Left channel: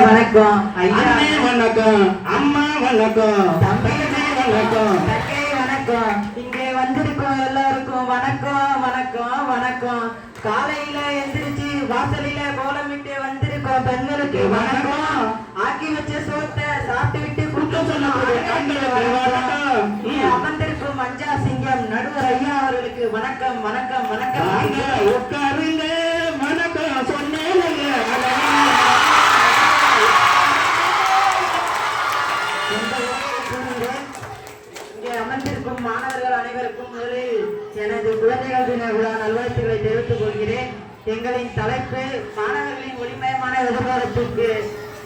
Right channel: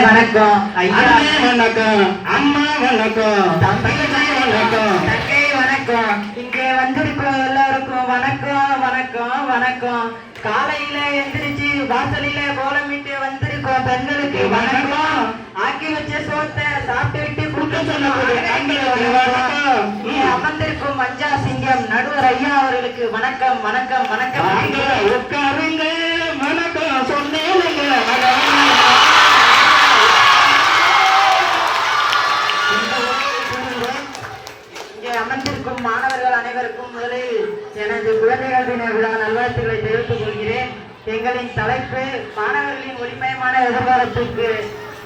வணக்கம் ஐயா வணக்கம் அம்மா வணக்கம் தம்பி வணக்கம் தங்கை வணக்கம் இங்கே வந்திருக்கோம் எல்லாருக்கும் வணக்கம் வணக்கம் வணக்கம் காலையில எந்திரிச்சு வாசலில கோலமிட்டு வந்திருக்கோம் பெண்களுக்கு வணக்கம் ஆக்கி வச்ச சோத்தை சாப்பிட்டு விட்டு குடுக்க சொல்லக்கூடிய அமர்ந்திருக்கும் மஞ்சா சிங்கம் நடுவர் ஐயா அவர்களுக்கு வணக்கம் வணக்கம் வணக்கம் உட்காருங்க வணக்கம் சொன்னேன் இங்கே அமர்ந்திருக்கும் மாணவர்கள் அனைவருக்கும் முதலில் எனது குழந்தைகள் தின விழா நல்வாழ்த்துக்களை தெரிவித்துக் கொள்கிறேன். எங்களின் தலைப்பு மாணவர்களின் ஒளிமயமான எதிர்காலத்திற்கு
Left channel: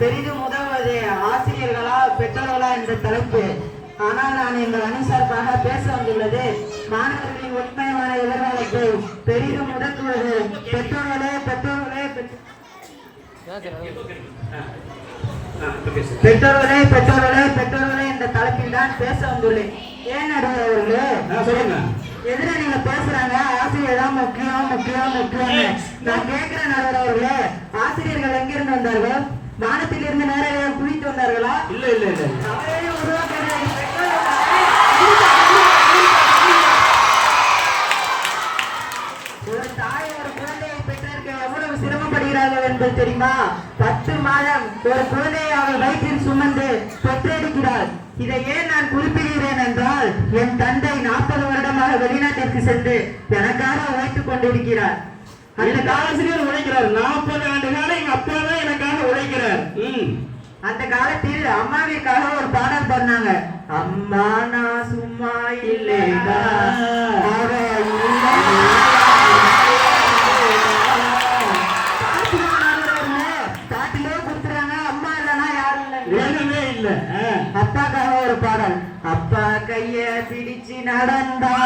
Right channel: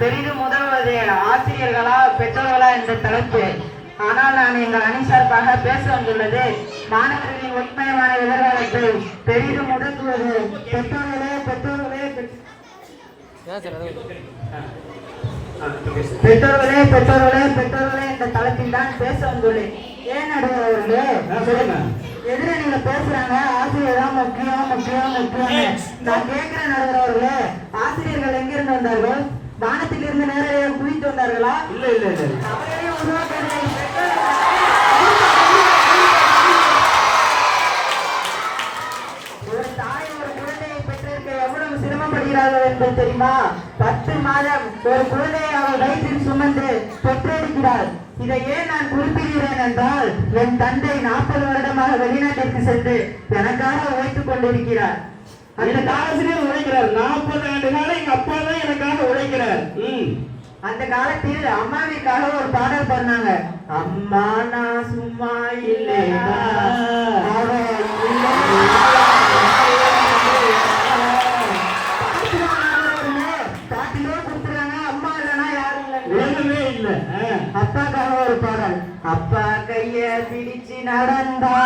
பெரிதும் உதவுவது ஆசிரியர்களா பெற்றோர்களா என்ற தலைப்பு. ஆனால் நான் எங்கள் அணி சார்பாக பேச வந்துள்ளது மாணவர்களின் ஒளிமயமான எதிர்காலத்தை பெரிதும் உதவுவது பெற்றோர்களே பெற்றோர்களே பெற்றோர்களே பெற்றோர்களே பெற்றோர்களே என்ற தலைப்பில் தான் பேச வந்துள்ளேன். ஏன் நடுவர்களே எதிர நீங்க பேசுறாங்க ஆசிரியர் தான் முக்கியம் முக்கியம் முக்கியம். நான் கேட்கிறேன் நடுவர்களே, ஆசிரியர்கள் எங்கிருந்து வந்தார்கள்? வானத்தில் இருந்து நேரடியாக குவித்து வந்தார்களா? இல்ல இல்ல இல்ல அவரையே உருவாக்குறது ஒரு தாய் ஒரு குழந்தையை பெற்றிருக்க எவ்வளவு சிரமப்படுகிறார்கள் என்பது தெரியுமா? 10 மாதம் ஒரு குழந்தையை அவள் வயிற்றில் சுமந்து பெற்றெடுக்கிறார். இதை ஏன் நான் குறிப்பிடுகிறேன் என்றால், என் தந்தை 40 வருடமாக வெளிநாட்டிற்கு சென்று எனக்காக உழைத்துக் கொண்டிருக்கிறார். அந்த ஆசிரியர் உழைக்கிறார். 40 ஆண்டு காலம் எங்க அப்பா தான் எனக்காக உழைக்கிறார். அந்த காலத்தில் அம்மாவிற்காக ஒரு பாடல் பண்ணாங்க. அம்மா நான் சும்மா இல்லைடா பாட்டிலே கொடுத்துறாங்க. அம்மா இல்லைன்னா யாரும் உலகமே இல்ல. அப்பாக்காக ஒரு பாடல். அப்பா கைய பிடிச்சு நடந்தா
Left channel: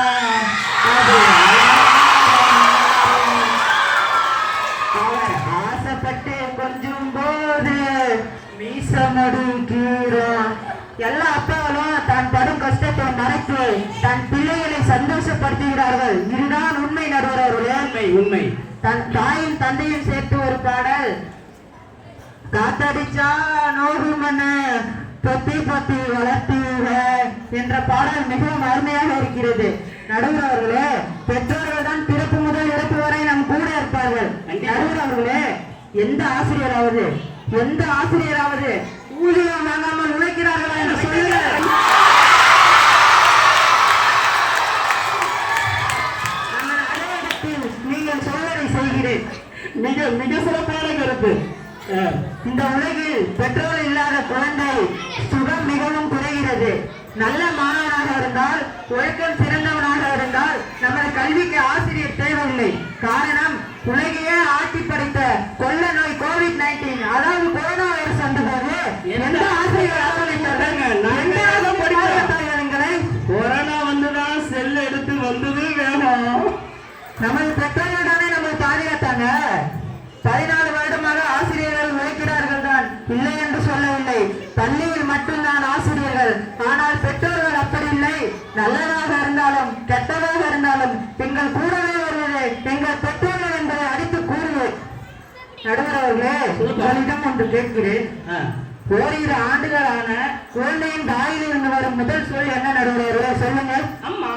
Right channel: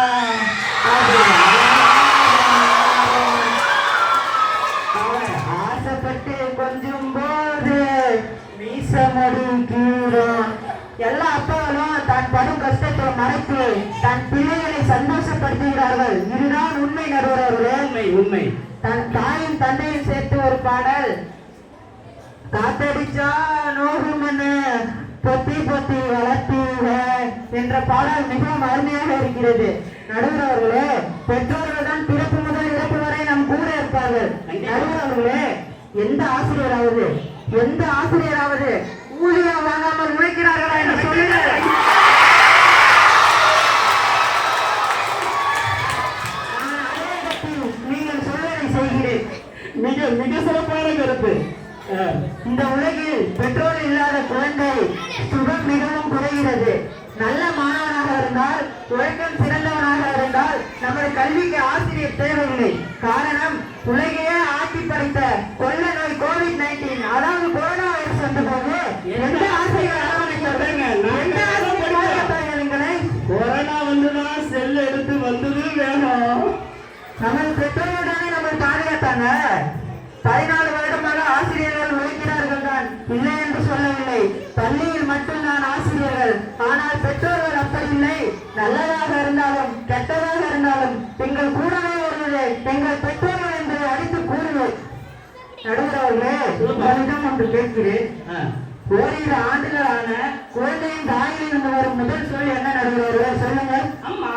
ஆசைப்பட்டு கொஞ்சம் போது எல்லா அப்பாக்களும் தான் படும் கஷ்டத்தை மறைத்து தன் பிள்ளைகளை சந்தோஷப்படுத்துகிறார்கள். இதுதான் உண்மை நடுவர்களே. உண்மை உண்மை. தன் தாயும் தந்தையும் சேர்த்து ஒரு பாடல். காத்தடிச்சா நோகு மண்ணு பொத்தி பொத்தி வளர்த்தீங்க என்ற பாடல் மிகவும் அருமையாக இருக்கிறது. நடுவர்களே, பெற்றோர்கள் தான் பிறப்பு முதல் இறப்பு வரை நம் கூட இருப்பார்கள். நடுவர்களே, எந்த ஆசிரியராவது ஊதியம் வாங்காமல் உழைக்கிறார்களா என்று சொல்லுங்கள். நீங்கள் சொல்வதை செய்கிறேன். மிக மிக சிறப்பான கருத்து. இந்த உலகில் பெற்றோர் இல்லாத குழந்தை சுகம் மிகவும் குறைகிறது. நல்ல மாணவனாக இருந்தால், ஒழுக்கம் சிறந்தவனாக இருந்தால் நமது கல்விக்கு ஆசிரியர் தேவையில்லை. காரணம், உலகையே ஆட்சி படைத்த கொள்ள நோய் COVID-19, அதாவது கொரோனா வைரஸ் வந்த போது எந்த ஆசிரியர் கொரோனா வந்துதான் செல் எடுத்து வந்தது வேணும். நமது பெற்றோர்கள் தானே நம்மளை பாதுகாத்தாங்க. 14 வருடமாக ஆசிரியர்கள் உழைக்கிறார்கள் தான், இல்லை என்று சொல்லவில்லை. பள்ளியில் மட்டும்தான் ஆசிரியர்கள். ஆனால் பெற்றோர்கள் அப்படி இல்லை. நல்லதாக இருந்தாலும் கெட்டதாக இருந்தாலும் எங்கள் கூடவே வருவது எங்கள் பெற்றோர்கள் என்பதை அடித்து கூறுவேன். நடுவர்களே, உங்களிடம் ஒன்று கேட்கிறேன். ஓரிரு ஆண்டுகளான குழந்தையின் வாயில் இருந்து வரும் முதல் சொல் என்ன நடுவர்களே? சொல்லுங்கள். அம்மா.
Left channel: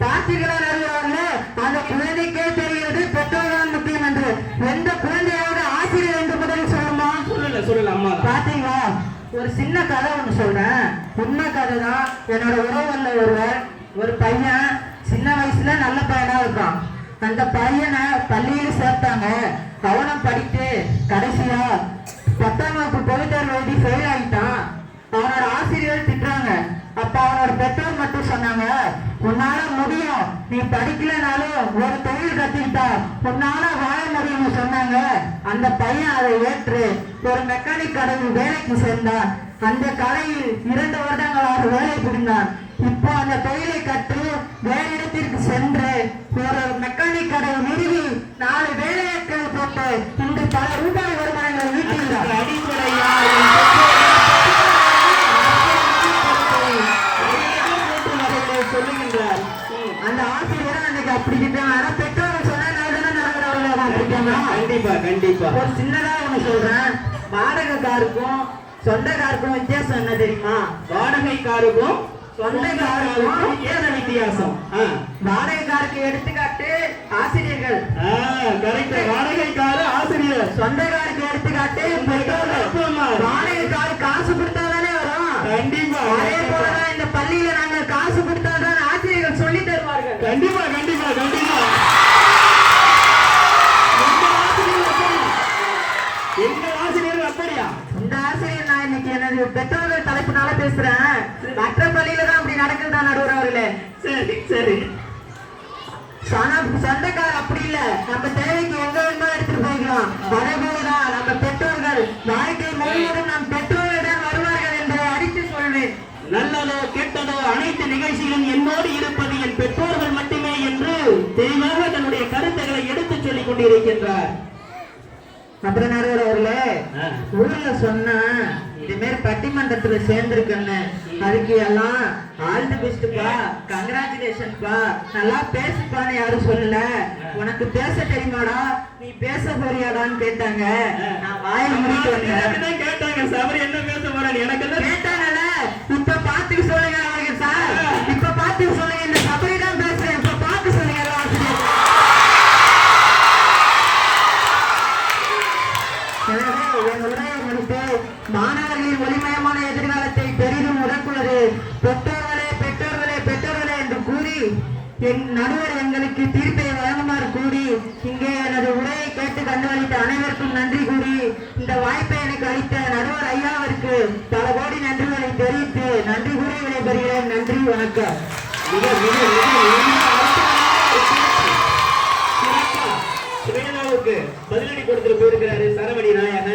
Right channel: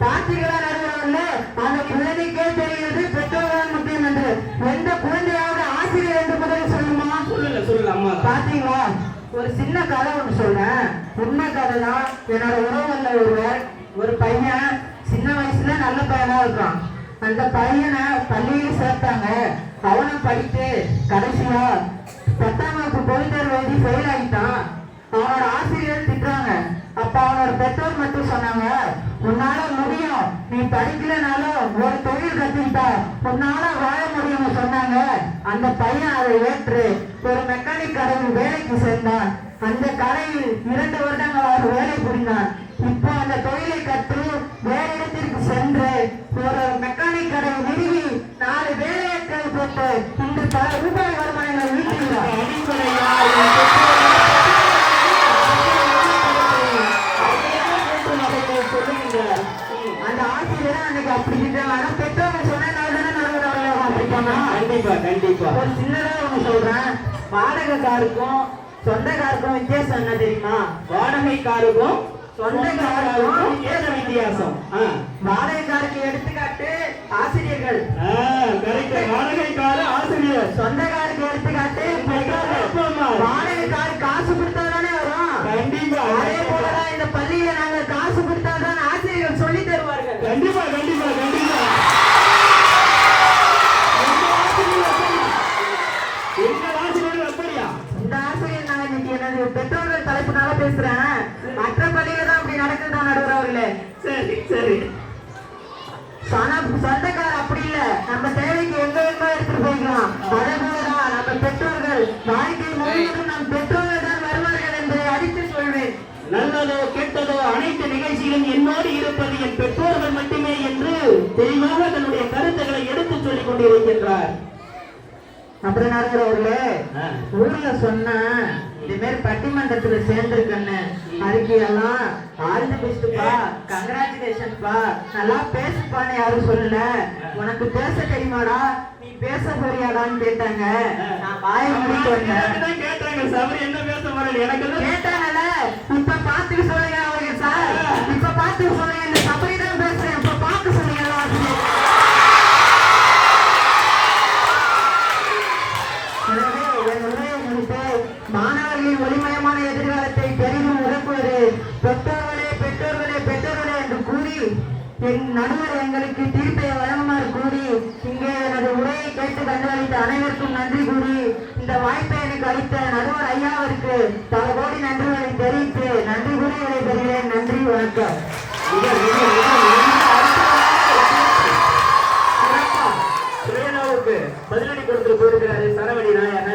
பார்த்தீர்களா நடுவர்களே, அந்த குழந்தைக்கே தெரிகிறது பெற்றோர்கள் முக்கியம் என்று. எந்த குழந்தையாவது ஆசிரியர் என்று முதலில் சொல்லுமா? சொல்லுங்க அம்மா. பாத்தீங்களா, ஒரு சின்ன கதை ஒன்று சொல்றேன். உண்மை கதை தான். என்னோட உறவுல ஒரு பையன் சின்ன வயசுல நல்ல பையனா இருக்கான். அந்த பையனை பள்ளியில் சேர்த்தாங்க. அவனும் படித்து கடைசியா 10ஆம் வகுப்பு பொதுத் தேர்வு எழுதி ஃபெயில் ஆகிட்டான். அவனோட ஆசிரியர் திட்டுறாங்க. அப்ப அவனோட பெற்றோர் மட்டும் சொன்னாங்க, உன்னால முடியும், நீ படிக்கலனாலும் ஒரு தொழில் கத்துக்கிட்டா உன்னால வாழ முடியும்னு சொன்னாங்க. அந்த பையன் அதை ஏற்று ஒரு மெக்கானிக் கடையில் வேலைக்கு சேர்ந்தான். அந்த கடையில் 2 வருடங்களாக வேலை புரிந்தான். இப்போ அந்த தொழிலை கற்று வேறு இடத்திற்கு சென்று ஒரு மெக்கானிக் கடையை நிறுவி 4 வேலையாட்களை போட்டு இன்று பல ரூபாய் வருமானங்களை ஈட்டுகிறார். சொல்லுகின்றார். அந்த ஆசிரியர் அன்னைக்கு அப்படி இருக்காங்க. பெற்றோர்கள் சொன்னா கண்டிப்பா கண்டிப்பா. ஒரு சின்னதா ஒண்ணு சொல்றேன். வாடகை வாடகைக்காருக்கும் சொந்தக்காருக்கும் வித்தியாசம் என்ன தெரியுமா? வாடகைக்காருக்கும் சொந்தக்காருக்கும் ஏன வித்தியாசம்? வாடகைக்காருக்கு எடுத்துக்காட்டு ஆசிரியர்கள், கரெக்ட். வாடகைக்காரு ஆசிரியர், சொந்தக்காருக்கு எடுத்துக்காட்டு பெற்றோர்கள். அப்பா அம்மா. வாடகைக்காரு காசு கொடுத்தாதானே வரும். கண்டிப்பா அதே போலதான் இந்த பள்ளியில நாங்க காசு கொடுத்தாதான் ஆசிரியர்கள் சொல்லி தருவார்கள். கண்டிப்பா கண்டிப்பா கண்டிப்பா. எங்கள் ஆசிரியர் அப்படியா? இந்த ஆசிரியர் நான் இன்னைக்கு எனது பெற்றோர்கள் தலைப்புனால பேசுறேன். மற்ற பள்ளியில தான் அப்படி நடக்குதா நடுவர் அவர்களே? சரி சரி. சொந்தக்காரர் அப்படி இல்ல, நம்ம தேவைக்கு எங்க வேணுமோ எடுத்துட்டு போய்க்கலாம். அதே போலதான் நம்ம பெற்றோர்கள் வாழ்க்கை முழுவதும் நம் பெற்றோர்கள் தான் வருவார்கள் என்பதை அடித்து சொல்வேன். நல்லதோ கெட்டதோ அனைத்து நிகழ்ச்சியிலும் என்னோடு இருப்பது என் பெற்றோர்கள் மட்டுமே என்று தெளிவாக தன்னுடைய கருத்துக்களை எடுத்துச் சொல்லிக் கொண்டிருக்கின்றார். அப்புறம் நடுவர் அவர்களே, ஊர்ல சொன்ன இது மாதிரி பட்டிமன்றத்துல சேர்ந்திருக்கேன்னு, அதுக்கு எல்லாம் ஆல் தி பெஸ்ட்பா, கங்க்ராச்சுலேஷன்ப்பா, நல்லா பேசுப்பான்னு யாரும் சொல்லல. உனக்கு பேச தெரியுமாடா, நீ பேச போறியாடான்னு கேட்டாங்க. நான் வாய் மூடிட்டு வந்தேன். கேட்டாங்க சார் என்ன பேச போறேன் எனக்கு கேட்டாங்கல்ல. இப்ப பாத்துக்க சொல்லுங்க அவருக்கு சார், இப்ப பாத்துக்க சொல்லுங்க. இந்த சபரி தான் பேசுறேன், இப்ப பாத்து சொல்லுங்க எல்லாம் ஆசிரியர். மாணவர்களின் ஒளிமயமான எதிர்காலத்தை பெரிதும் உறங்குவது பெற்றோர்களே பெற்றோர்களே பெற்றோர்களே என்று கூறி என் நடுவர் எங்களுக்கு தீர்ப்பை வழங்குமாறு கூறி இங்கே எனது உரையை கேட்டு கண்டுகளித்த அனைவருக்கும் நன்றி கூறி இந்த வாய்ப்பை எனக்கு அளித்த நடுவர் ஐயாவிற்கு பல கோடி நன்றிகளை தெரிவித்து நன்றி கூறி விடைபெறுகிறேன். நன்றி, வணக்கம். சுரேனாவுக்கு பதிலடி கொடுத்துட்டு போயிருக்கிறாரு சரவணி நாயர்.